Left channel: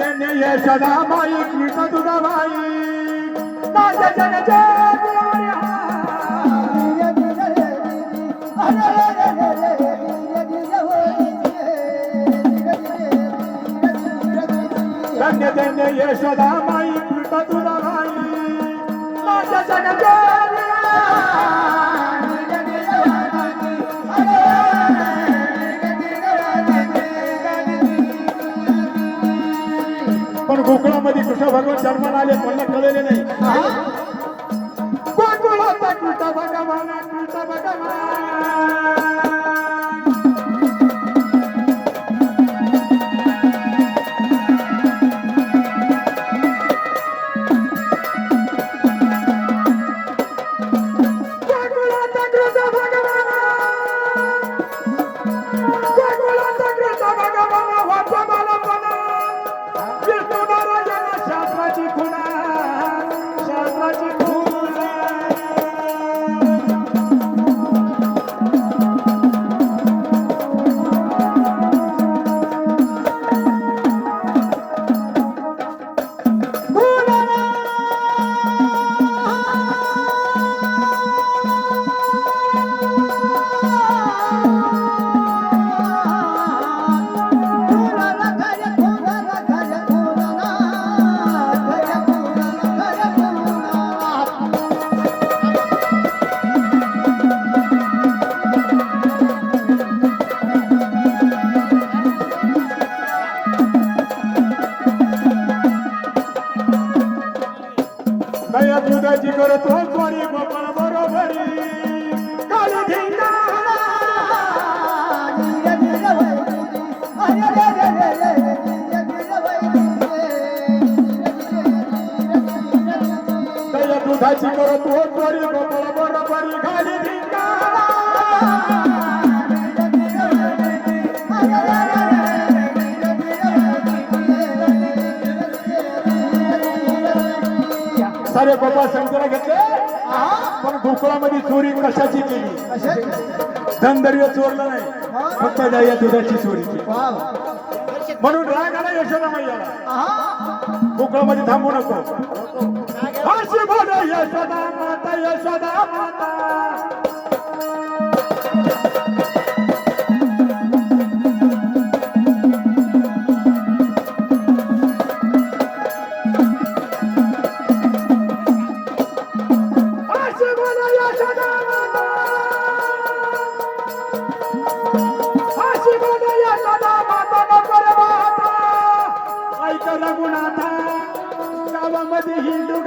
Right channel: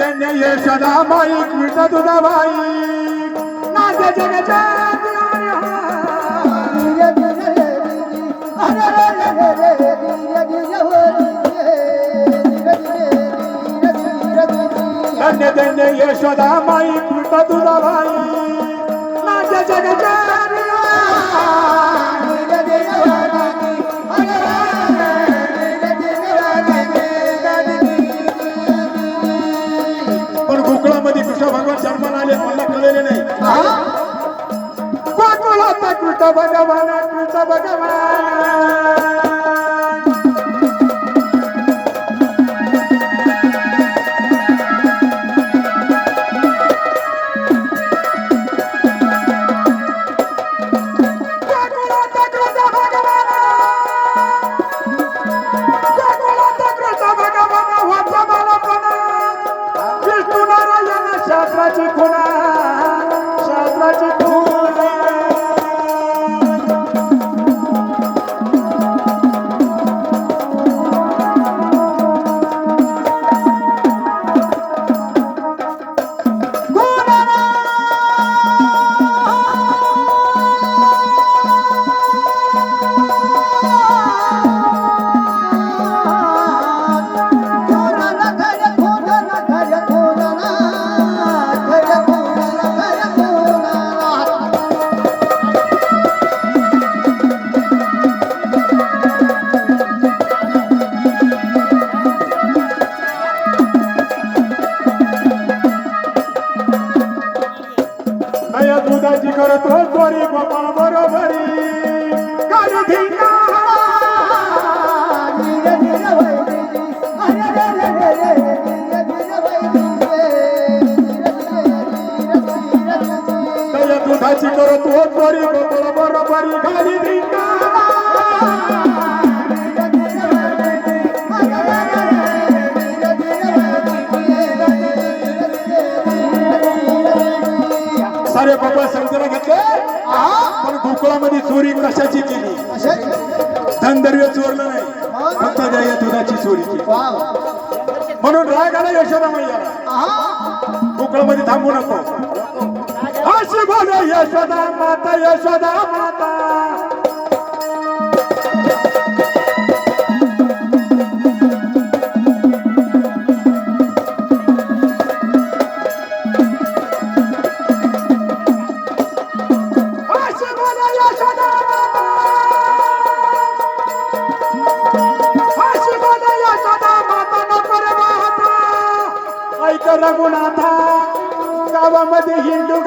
धन्य यशोदाबाई कृष्ण तुझाबाई नाट्य जगच्या धन्य धन्य यशोदाबाई कृष्ण तुझाबाई नाट्य जगच्या पण गोकुळामध्ये कृष्ण भगवान जन्माला आले मला कळले नाही गोकुळात कृष्ण भगवान शास्त्राची खुणा दुधाची करतो गोरी गोपाळ बरोबरी काळी धिंगा दुधाची करतो गोरी गोपाळ बरोबरी काळी धिंगा सारे गोपाळ समजून घेतले पण गोकुळामध्ये चोरी कशाची केली धनदर्य चोरलं नाही फक्त या दुधाची चोरी केली म्हणून राग आला यशोदा मैया गोकुळामध्ये थांबू नको अशी बोल यशोदा माता रघुनाथा गावामध्ये हिंदू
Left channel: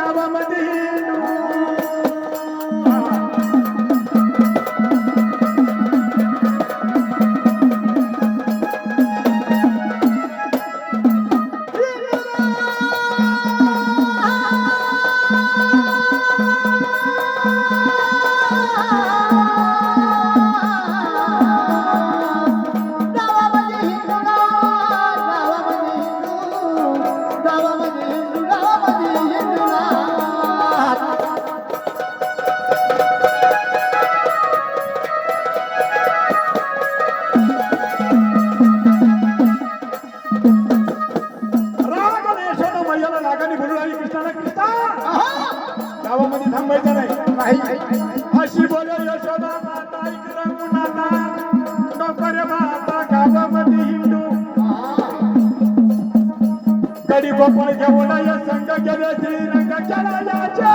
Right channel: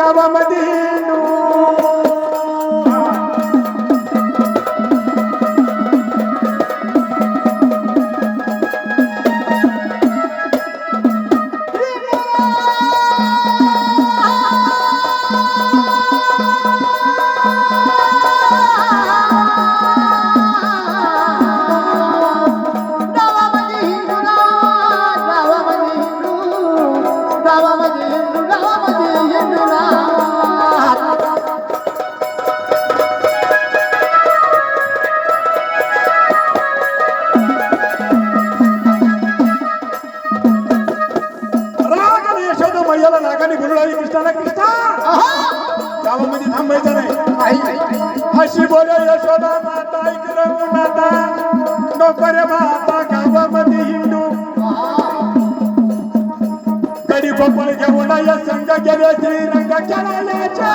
रागाने बोलू लागली कृष्णाला कृष्णा गावामध्ये थांबायचं नाही अशी बोले यशोदा माता ऐक रघुनाथा नको रे माता गावामध्ये हिंदू गडी गोपाळ घेऊन या संघ गेले श्रीरंग खेळायचे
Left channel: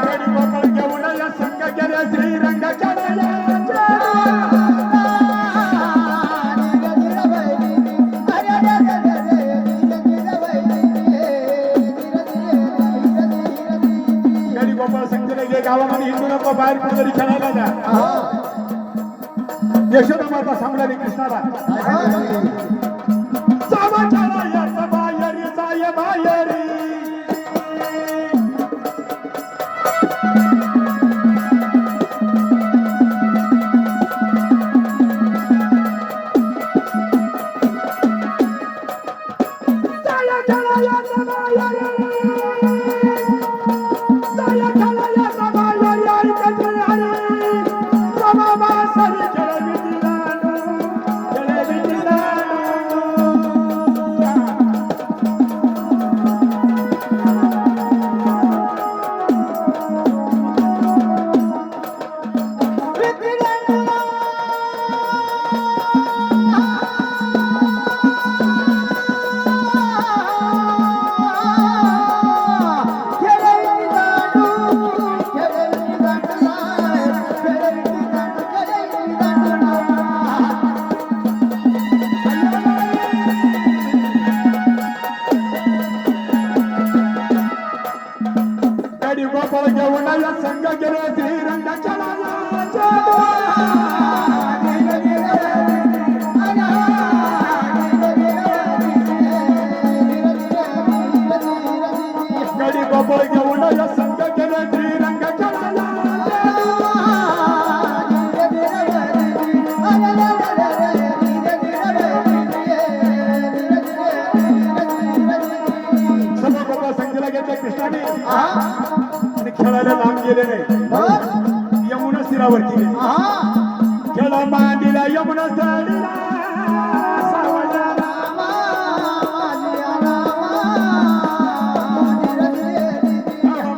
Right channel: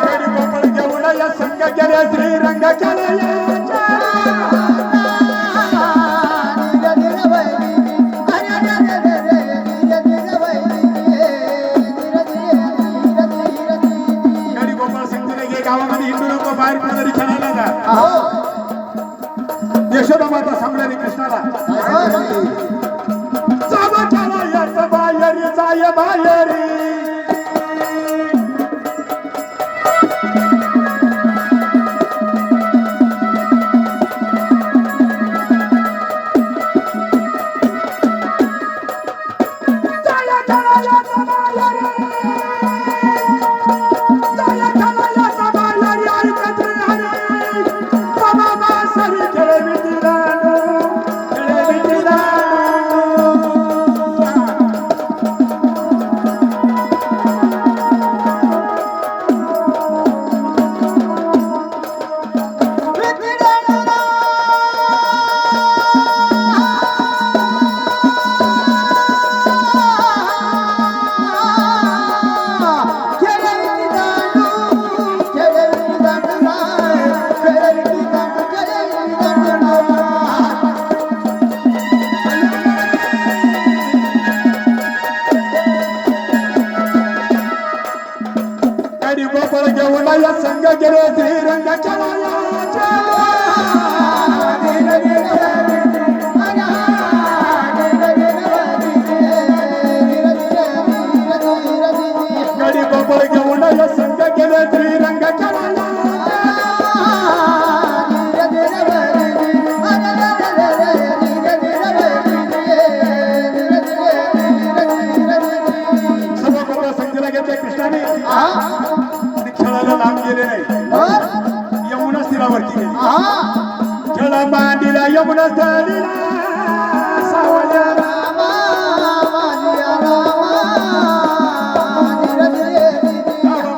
गडी गोपाळ घेऊन या संघ गेले श्रीरंग खेळायचे गावामध्ये हिंदू लोक बाहेर कुठेतरी खेळायला जा यशोदा माता सांगणारी कृष्णाला जावा जावा याच बाहेरी जाय बाहेरी गडी गोपाळ घेऊन या संघ गेले श्रीरंगाच्या वयाच्या. गडी गोपाळ घेऊन या संघ गेले श्रीरंगाच्या वयाच्या. कृष्णाने आणि खेळायला लांब गेले नाही. यमुना तीरावरती गेले. खेळ मांडीला यमुना स्थळीला सावल्या रामा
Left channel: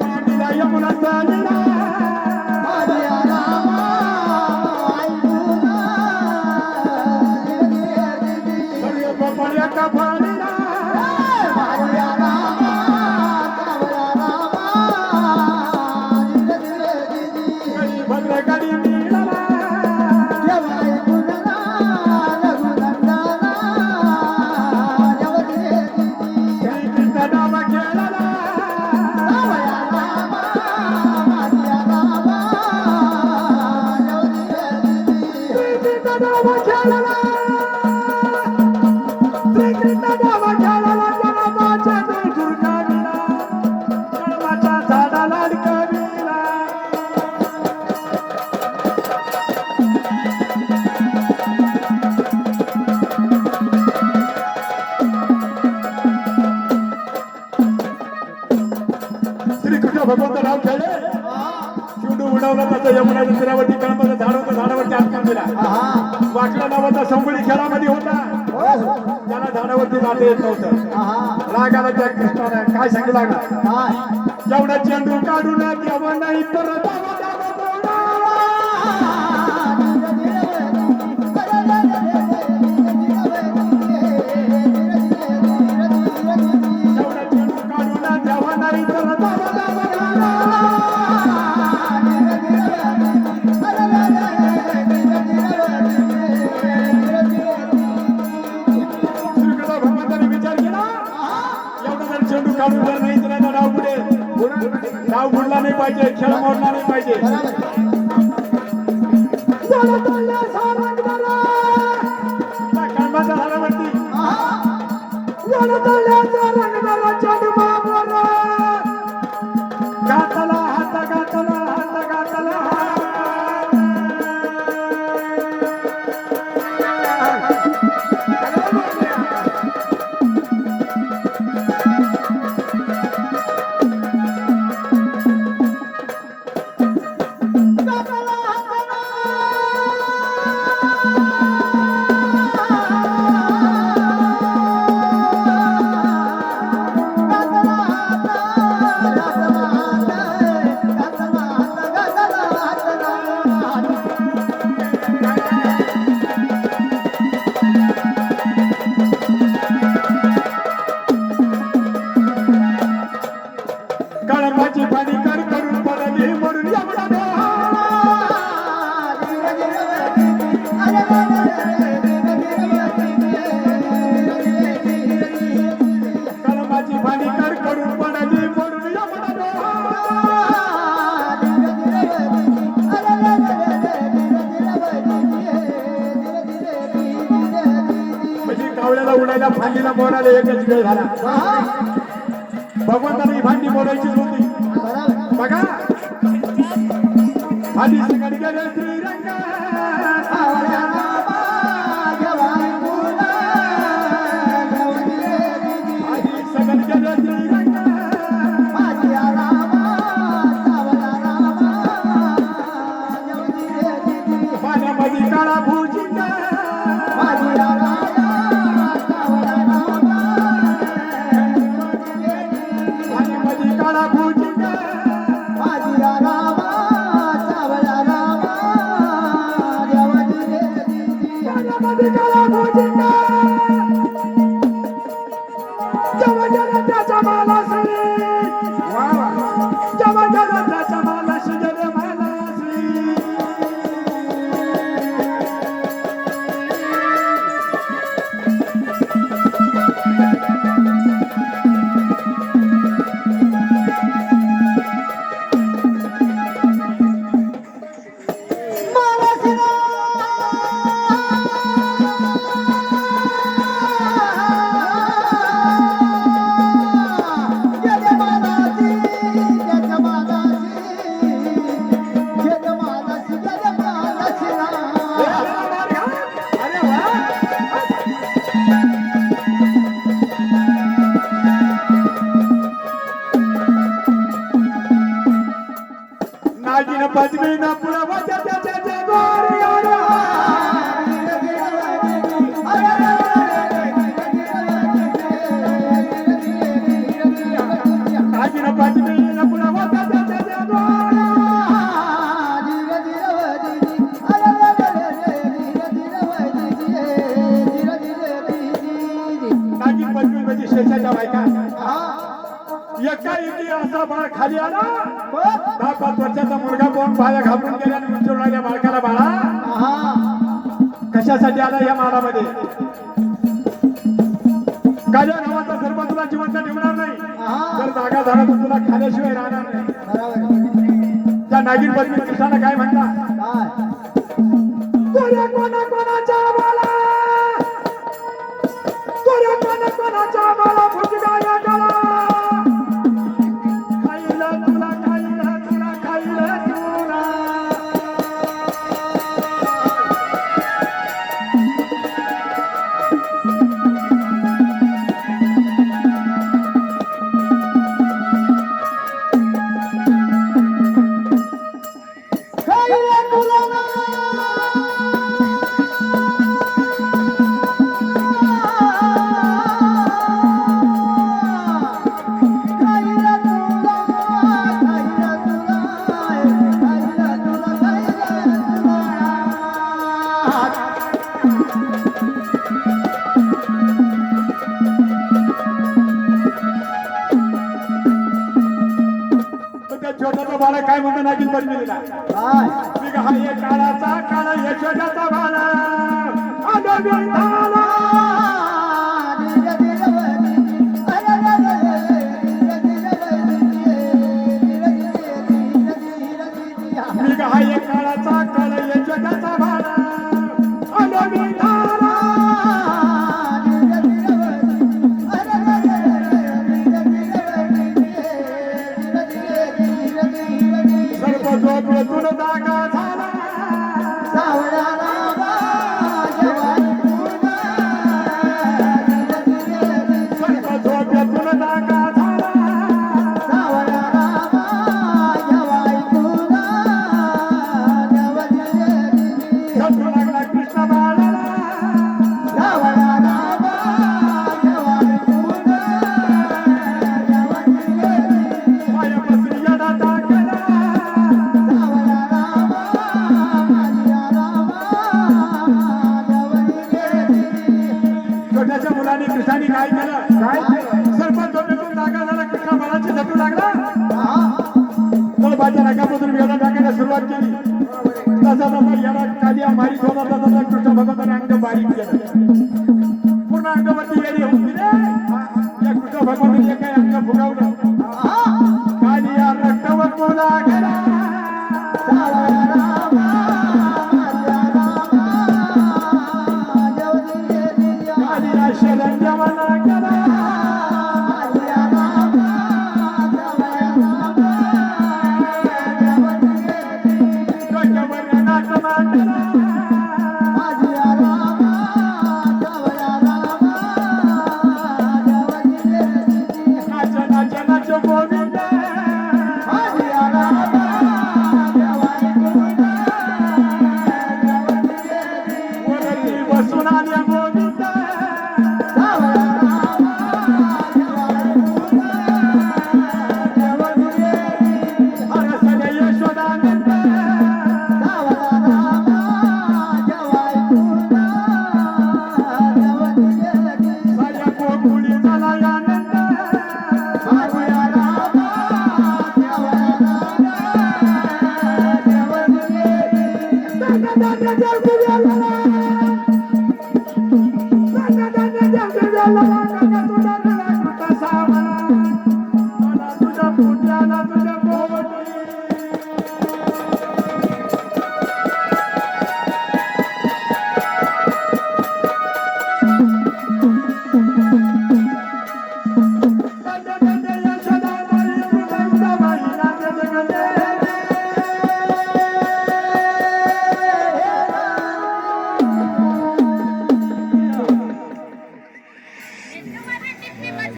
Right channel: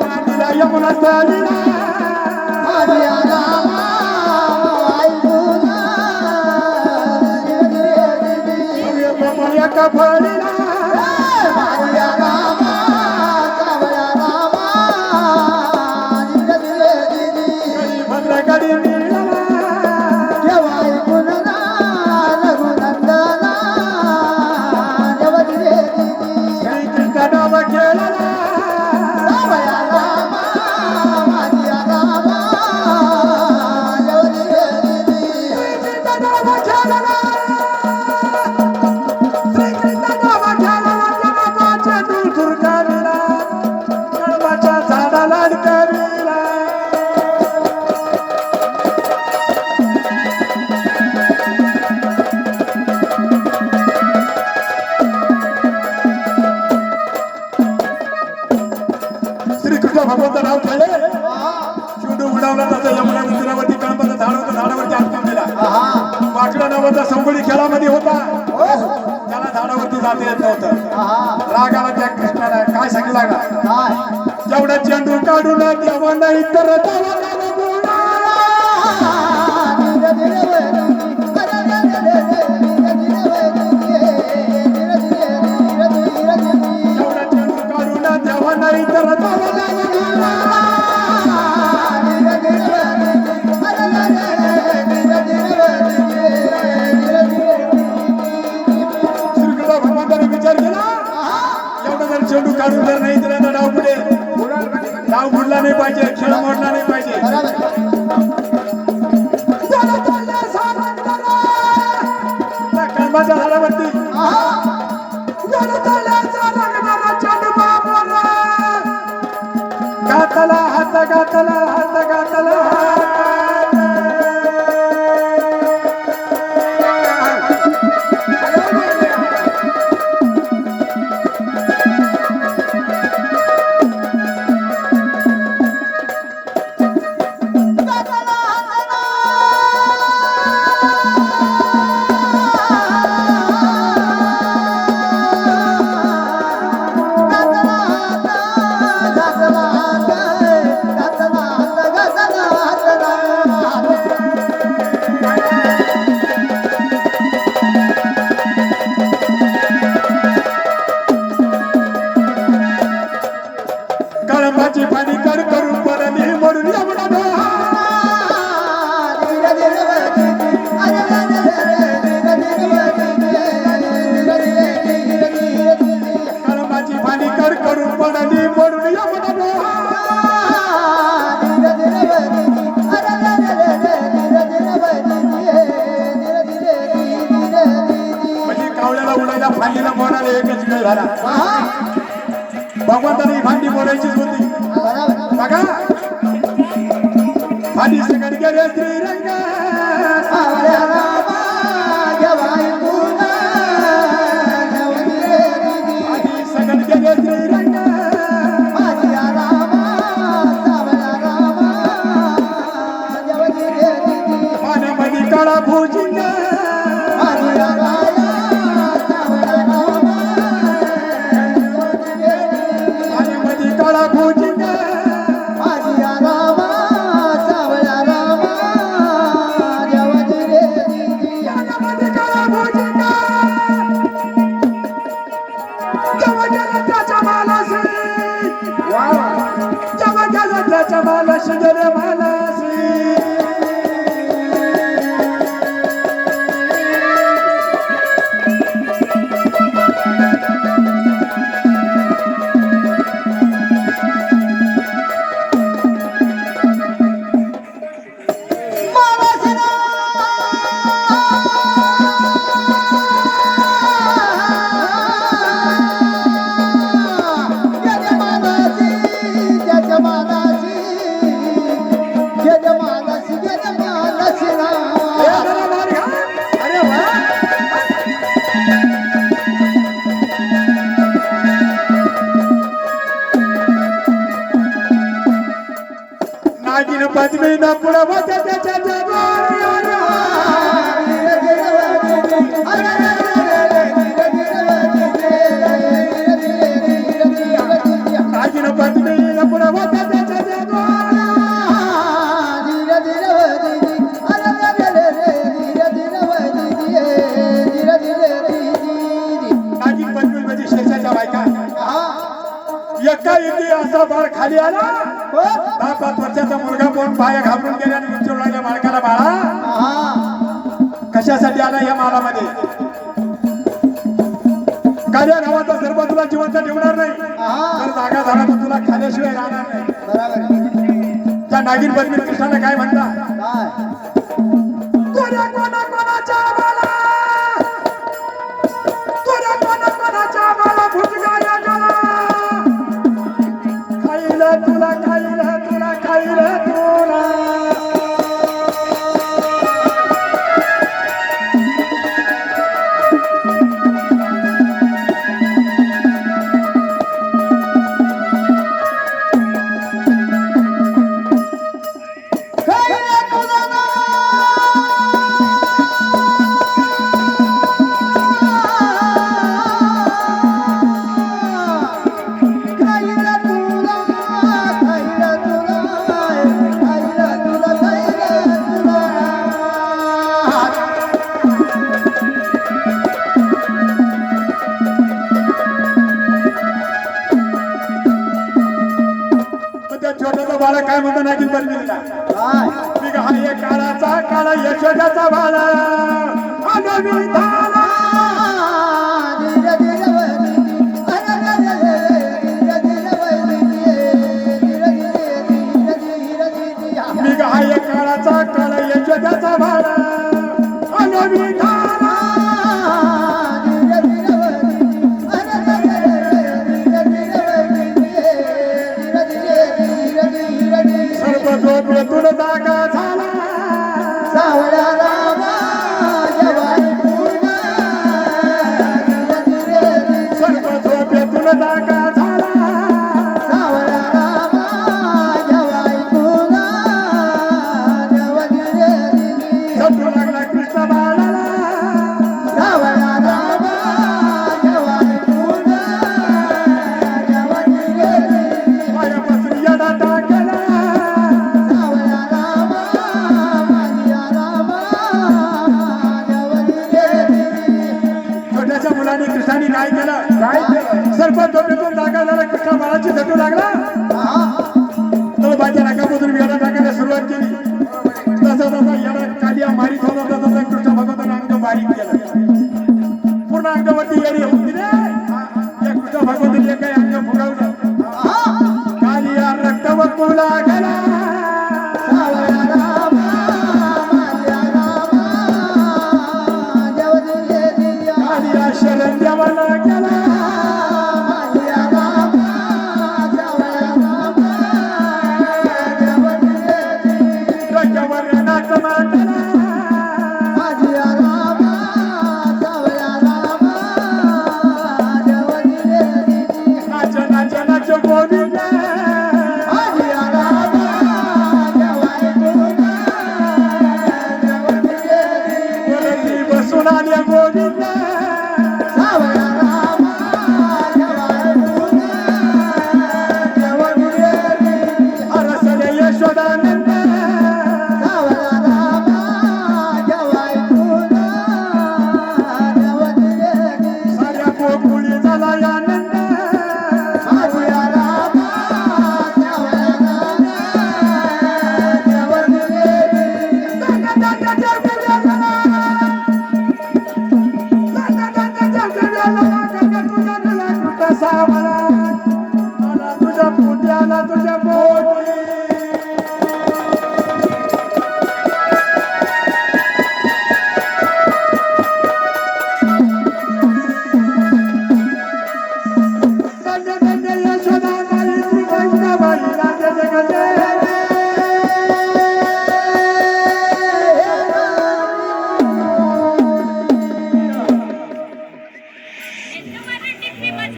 मांडीला यमुना स्थळीला गोपाळ्या कफळीला भगवंत नाव खेळले. शिवडू उडवला तसं यमुना तीरावरती कळंबाचं झाड होतं. झाडावरती आटकून दिला. वाकडा नावाचा संबळी खेळामध्ये होता. त्याला झाडावरती जाता येत नव्हतं. राग आला त्या कृष्णाला. काय सांगितलं का जेवढा चेंडू काढून तेव्हा नाही तर जेवढा चेंडू काढून तेव्हा नाही तर चेंडू काढून जर नाही तर आता डाव पुढे डाव बुडला नाही पाहिजे. खेळ मोडला नाही पाहिजे. कळंबाच्या झाडावरती घातला हात घातला हात घातला कळंबाची पाणी कड करून पडली म्हणून यमुना कळंबाची पाणी कड करून पडली म्हणून यमुना म्हणजे कावळ्याला उडायला फांदीला बोलायला एकच वेळ झाला. भगवंताने भांडी बोलायचीच होती. बघा भांडी सगळं गेले श्रीरंग सगळं गेले श्रीरंग पाण्यामध्ये काळा भुजिंग पाण्यामध्ये काळा भुजिंग नागिन पद्मी न पुढवत त्याच्या जगाला नागिन पद्मी न पुढवत त्याच्या जगाला नागिन पद्मी म्हणजे शेषाच्या बायका एकाएकी असा बाळ खाली आला 10-5 वर्षाचा मुलगा पण पाय घाबरून गेला आणि विचारून राहिल्या मालकाला बाळा कशासाठी आला या मालामध्ये काळ्या नावाचा सर्व तुला जिवंत ठेवणार नाही जर जागा झाला तर तुला खाल्याशिवाय राहणार नाही त्या नागिन पद्मी कृष्णाला काय म्हणला तुझ्या कोणा कोणाच्या बाला तुझ्या कोणा कोणाच्या बाला भुजगा या गला खाईला तुला खाईला तुला खाईला तुला छोटाचा बाळा काय म्हणतो नागिन पद्मीला मी का हा काळाचा काळा यशोदाचा बाळा मी का हा काळाचा काळा यशोदाचा बाळा सर्व जो तुला जागा झाला